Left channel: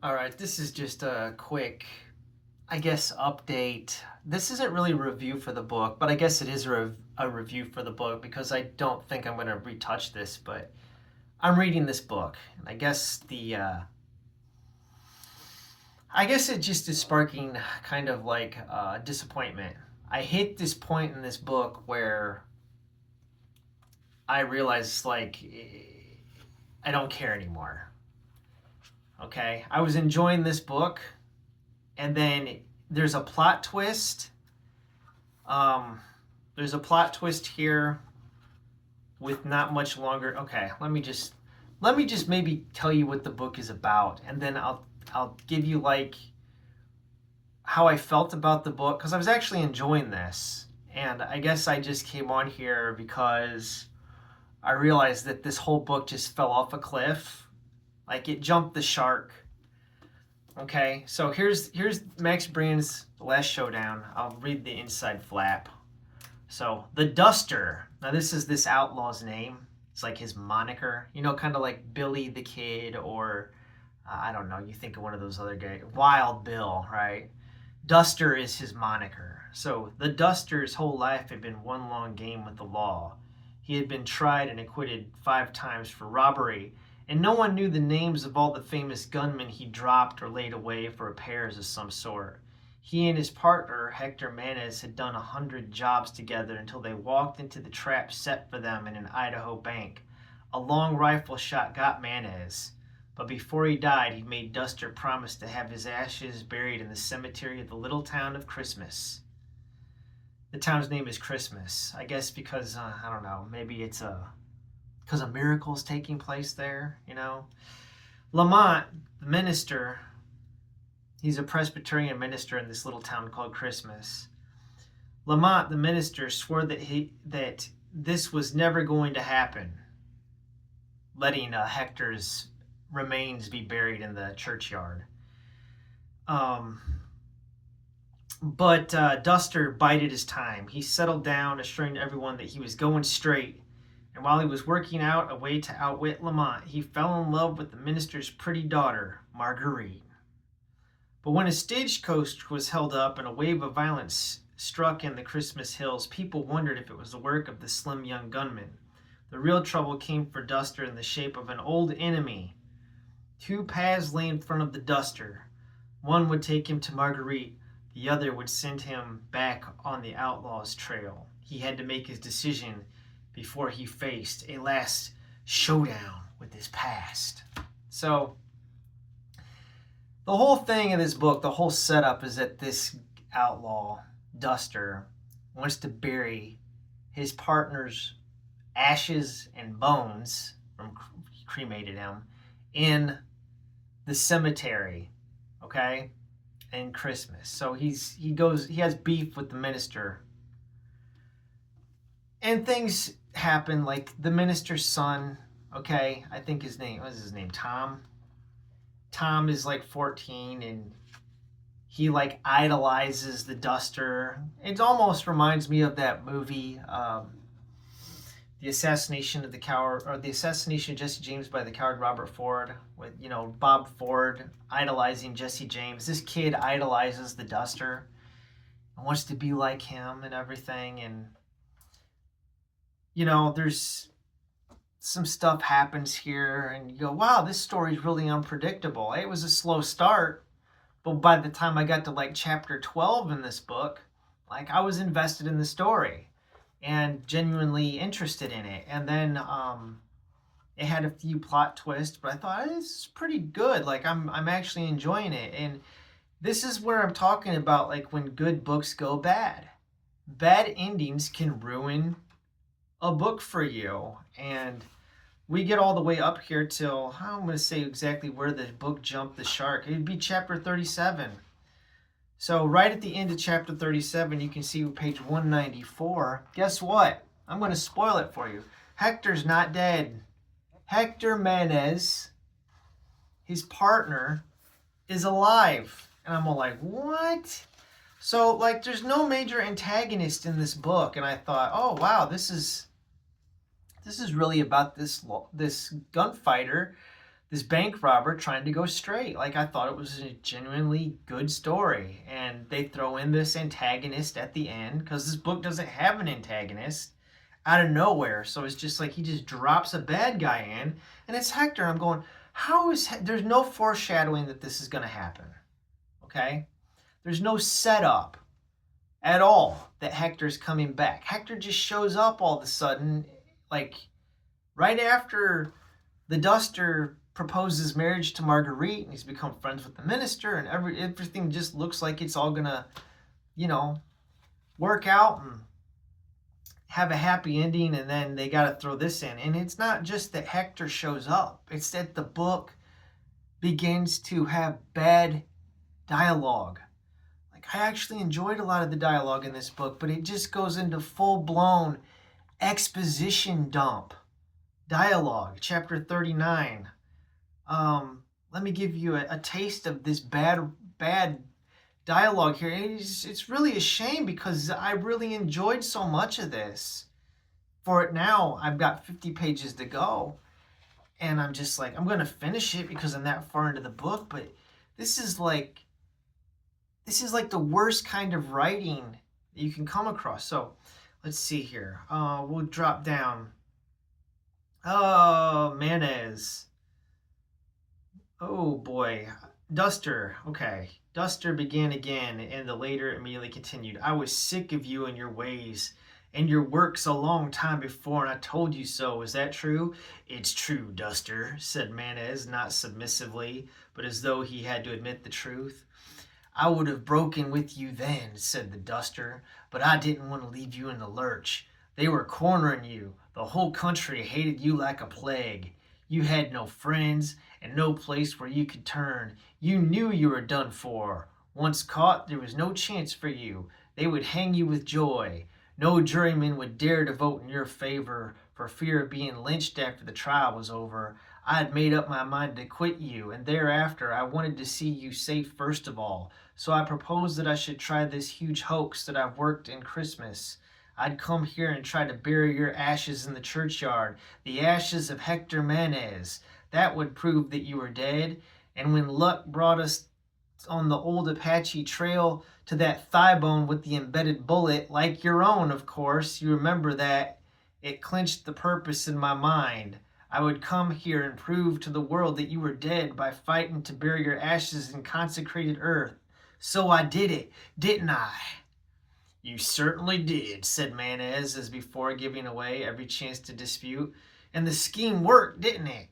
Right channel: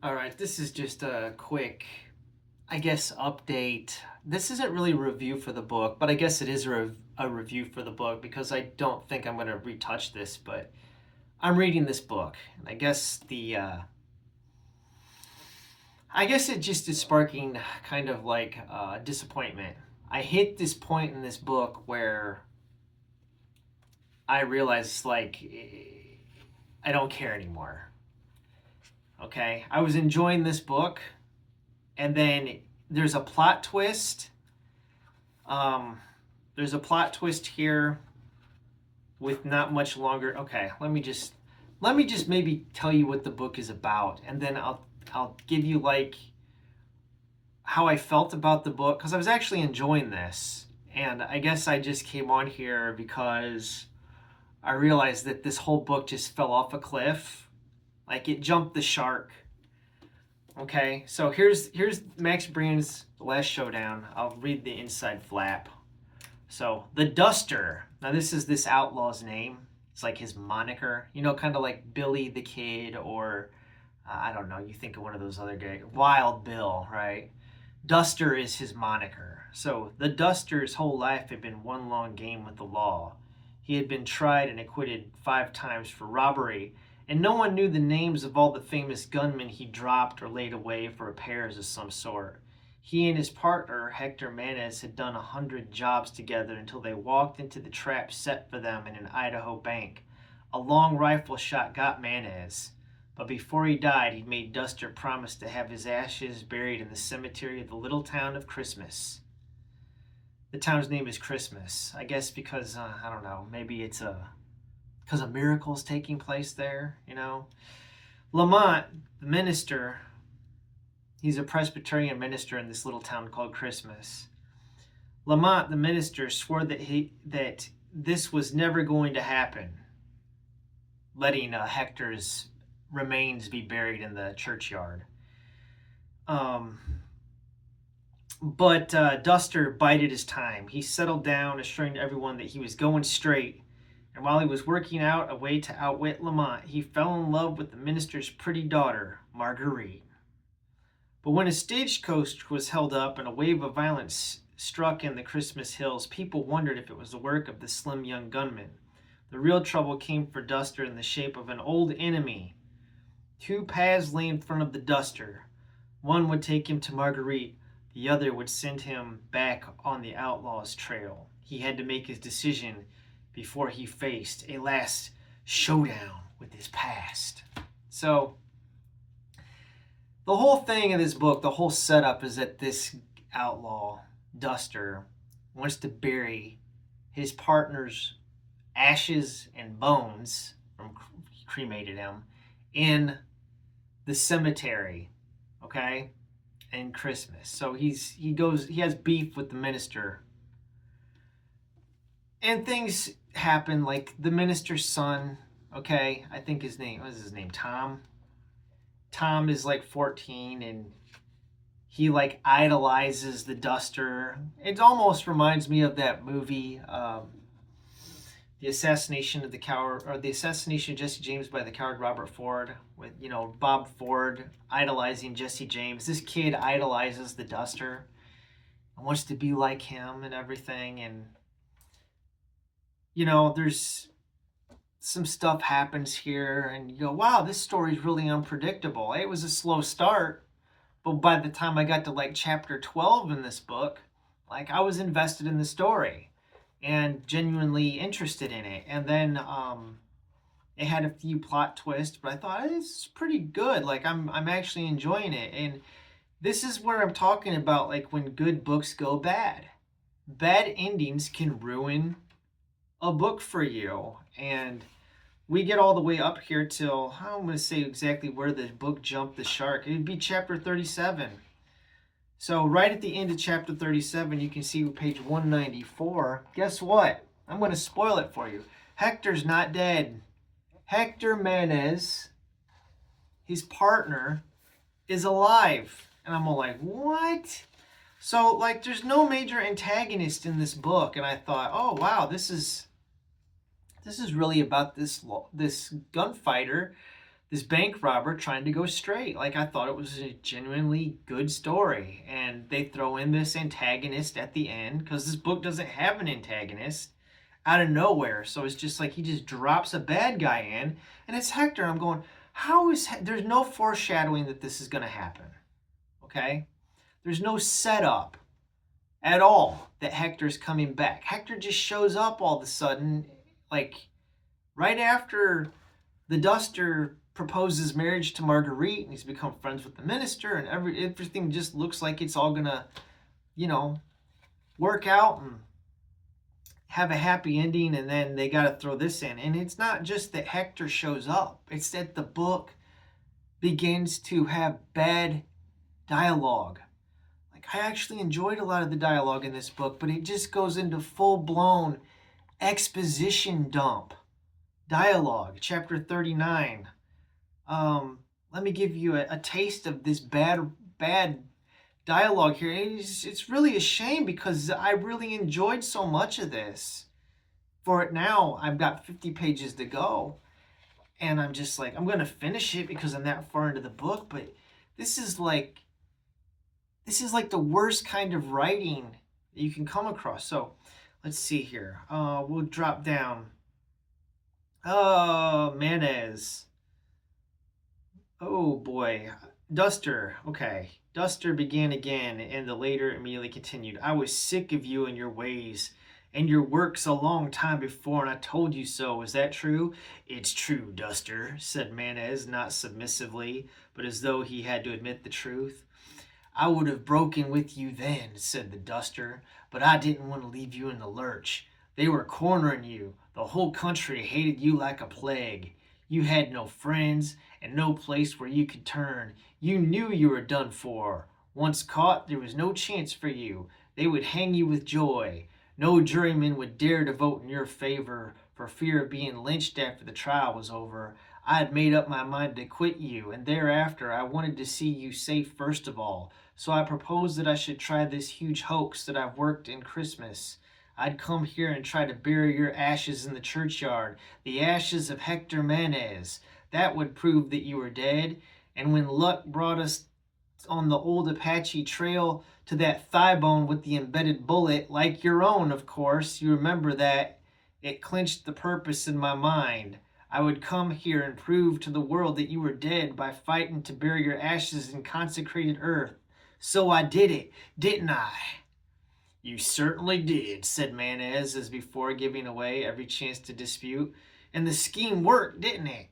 All right, this is just a quick, I guess, update. This isn't really a review for the book, but I guess it is a review for the book because I don't think I'm going to retouch this, but I'm reading this book. And I guess it just is sparking kind of like disappointment. I hit this point in this book where I realize, like, I don't care anymore. Okay? I was enjoying this book, and then there's a plot twist. Um, there's a plot twist here with not much longer. Okay, let me just maybe tell you what the book is about, and then I'll give you like how I felt about the book because I was actually enjoying this, and I guess I just came on here because I realized that this whole book just fell off a cliff, like it jumped the shark. Okay, so here's Max Brand's Last Showdown. I'll read the inside flap. So the Duster. Now this is this outlaw's name. It's like his moniker. You know, kind of like Billy the Kid, or I don't know. You think of one of those other guys, Wild Bill, right? Duster is his moniker. So the Duster's whole life had been one long game with the law. He had been tried and acquitted 5 times for robbery, and no one knew the names of all the famous gunmen he dropped or laid away for repairs of some sort. He and his partner, Hector Manes, had done 100 jobs together until they walked into the trap set for them in an Idaho bank. A long rifle shot got Manes, but before he died, he made Duster promise to have his ashes buried in the cemetery of the little town of Christmas. The town's name is Christmas, I guess because, I don't know, maybe it's because a miracle is taking place there, you know? Lamont, the minister, he's a Presbyterian minister in this little town called Christmas. Lamont, the minister, swore that this was never going to happen, letting Hector's remains be buried in the churchyard. Um, but Duster bided his time. He settled down, assuring everyone that he was going straight. And while he was working out a way to outwit Lamont, he fell in love with the minister's pretty daughter, Marguerite. But when a stagecoach was held up and a wave of violence struck in the Christmas hills, people wondered if it was the work of the slim young gunman. The real trouble came for Duster in the shape of an old enemy. 2 paths lay in front of the Duster. One would take him to Marguerite, the other would send him back on the outlaw's trail. He had to make his decision before he faced a last showdown with his past. So, the whole thing in this book, the whole setup is that this outlaw, Duster, wants to bury his partner's ashes and bones from he cremated him in the cemetery, okay, and Christmas. So he has beef with the minister, and things happen. Like the minister's son, okay, I think his name what is his name, Tom. Tom is like 14, and he like idolizes the Duster. It almost reminds me of that movie, the assassination of the coward, or the assassination of Jesse James by the coward Robert Ford, with Bob Ford idolizing Jesse James. This kid idolizes the Duster and wants to be like him and everything. And there's some stuff happens here, and you go, wow, this story's really unpredictable. It was a slow start, but by the time I got to like chapter 12 in this book, like I was invested in the story and genuinely interested in it. And then it had a few plot twists, but I thought this is pretty good. Like I'm actually enjoying it. And this is where I'm talking about, like, when good books go bad. Bad endings can ruin a book for you. And we get all the way up here till, I'm going to say exactly where the book jumped the shark. It would be chapter 37. So right at the end of chapter 37, you can see page 194. Guess what? I'm going to spoil it for you. Hector's not dead. Hector Manes, his partner, is alive. And I'm all like, what? So, like, there's no major antagonist in this book. And I thought, oh, wow, this is really about this gunfighter this bank robber trying to go straight. Like, I thought it was a genuinely good story. And they throw in this antagonist at the end because this book doesn't have an antagonist out of nowhere. So it's just like he just drops a bad guy in, and it's Hector. I'm going, there's no foreshadowing that this is going to happen. Okay? There's no setup at all that Hector's coming back. Hector just shows up all of a sudden, like right after the Duster proposes marriage to Marguerite, and he's become friends with the minister, and everything just looks like it's all gonna, work out and have a happy ending, and then they got to throw this in. And it's not just that Hector shows up, it's that the book begins to have bad dialogue. Like, I actually enjoyed a lot of the dialogue in this book, but it just goes into full-blown exposition dump dialogue. Chapter 39. Let me give you a taste of this bad dialogue here. It's really a shame because I really enjoyed so much of this. For it now, I've got 50 pages to go, and I'm just like, I'm going to finish it because I'm that far into the book, but this is like the worst kind of writing that you can come across. So let's see here. We'll drop down. Oh, Mayonnaise. Oh boy. Duster. Okay. Duster began again, and the later immediately continued. I was sick of you and your ways and your works a long time before, and I told you so. Is that true? It's true, Duster, said Mayonnaise, not submissively, but as though he had to admit the truth. I would have broken with you then, said the Duster, but I didn't want to leave you in the lurch. They were cornering you. The whole country hated you like a plague. You had no friends and no place where you could turn. You knew you were done for. Once caught, there was no chance for you. They would hang you with joy. No juryman would dare to vote in your favor for fear of being lynched after the trial was over. I had made up my mind to quit you, and thereafter I wanted to see you safe first of all. So I proposed that I should try this huge hoax that I've worked in Christmas. I'd come here and try to bury your ashes in the churchyard, the ashes of Hector Mayonnaise. That would prove that you were dead. And when luck brought us on the old Apache trail to that thigh bone with the embedded bullet, like your own, of course, you remember that, it clinched the purpose in my mind. I would come here and prove to the world that you were dead by fighting to bury your ashes in consecrated earth. So I did it, didn't I? You certainly did, said Mayonnaise as before, giving away every chance to dispute. And the scheme worked, didn't it?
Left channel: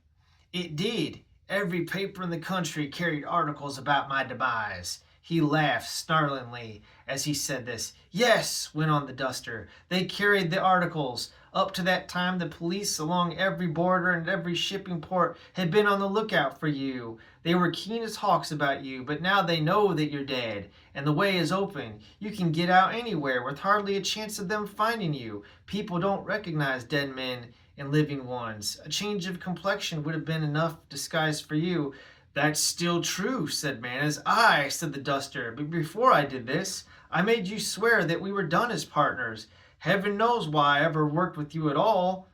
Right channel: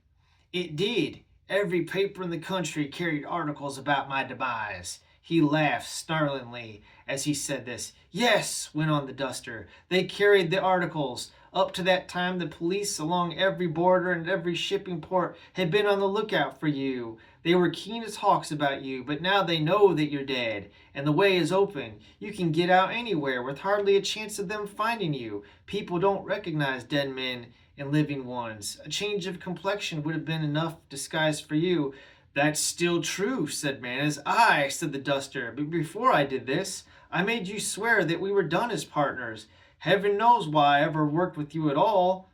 It did. Every paper in the country carried articles about my demise. He laughed snarlingly as he said this. Yes, went on the Duster, they carried the articles. Up to that time, the police along every border and every shipping port had been on the lookout for you. They were keen as hawks about you, but now they know that you're dead, and the way is open. You can get out anywhere with hardly a chance of them finding you. People don't recognize dead men and living ones. A change of complexion would have been enough disguise for you. That's still true, said Mayonnaise. Aye, said the Duster, but before I did this, I made you swear that we were done as partners. Heaven knows why I ever worked with you at all.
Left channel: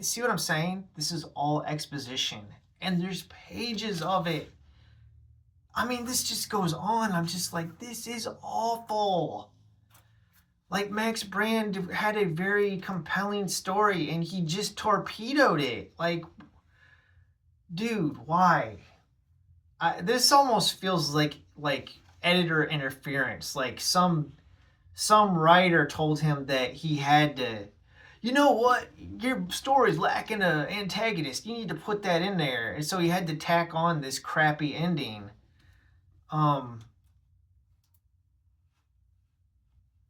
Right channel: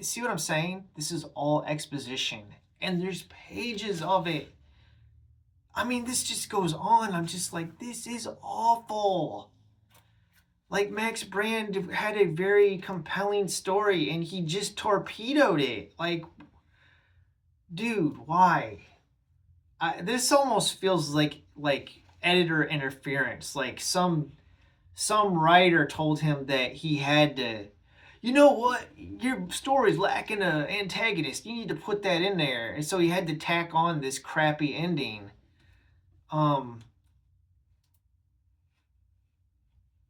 See what I'm saying? This is all exposition, and there's pages of it. I mean, this just goes on. I'm just like, this is awful. Like, Max Brand had a very compelling story, and he just torpedoed it. Like, dude, why? This almost feels like editor interference. Like some writer told him that he had to, you know what, your story's lacking an antagonist, you need to put that in there, and so he had to tack on this crappy ending.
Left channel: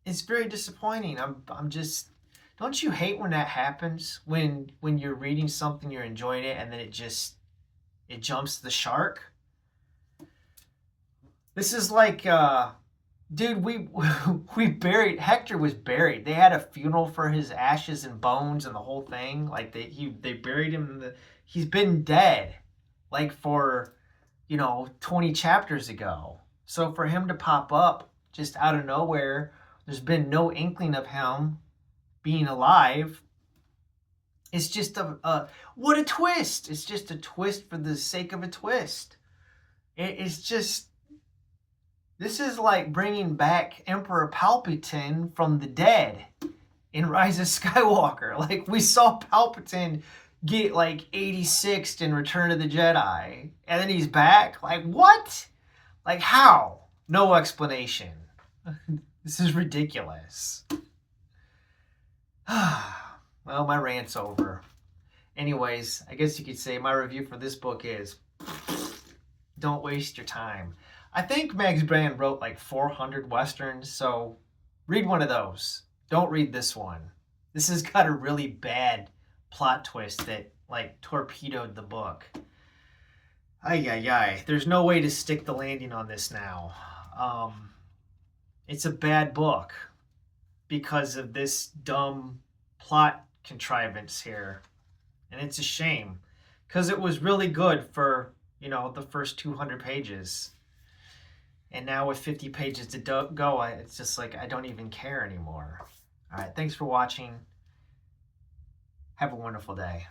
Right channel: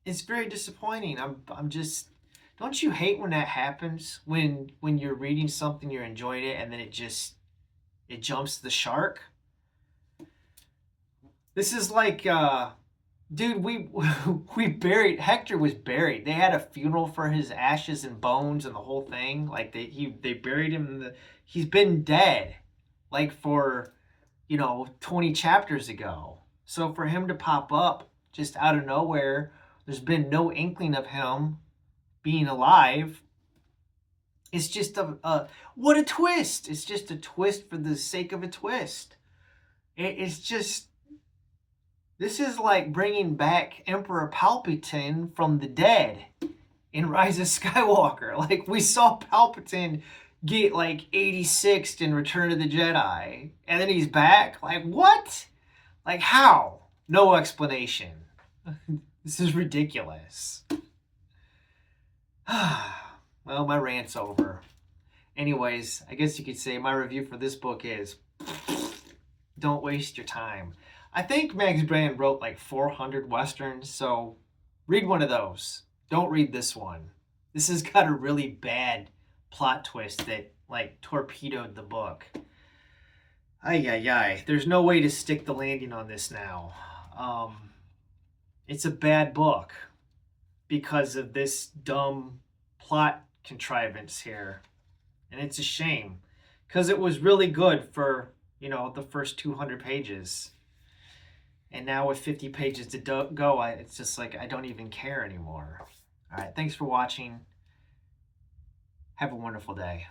It's very disappointing. I'm just, don't you hate when that happens, when you're reading something, you're enjoying it, and then it jumps the shark? This is like dude, we buried, Hector was buried. They had a funeral for his ashes and bones and the whole thing. Like they buried him he's been dead like for 20 chapters ago. So for him to pop up just out of nowhere, there's been no inkling of him being alive. It's just what a twist. It's just a twist for the sake of a twist. It's just, this is like bringing back Emperor Palpatine from the dead in Rise of Skywalker. Like, we saw Palpatine get like 86th in Return of the Jedi, and then he's back. Like, what? Like, how? No explanation. This is ridiculous. Well, my rant's over. Anyways, I guess you could say my review for this book is don't waste your time. I think Max Brand wrote like 400 Westerns, so read one of those. Don't read this one. This has got a really bad plot twist that like torpedoed the book. Ay, ay, ay. There's no way to stick the landing on this now. It's a bad book because of this dumb plot contrivance here. And it's a shame because it was really good for, the first 200 pages. And now with 50 pages to go, it's just like I don't even care anymore. All right, thanks for watching. Have a wonderful day.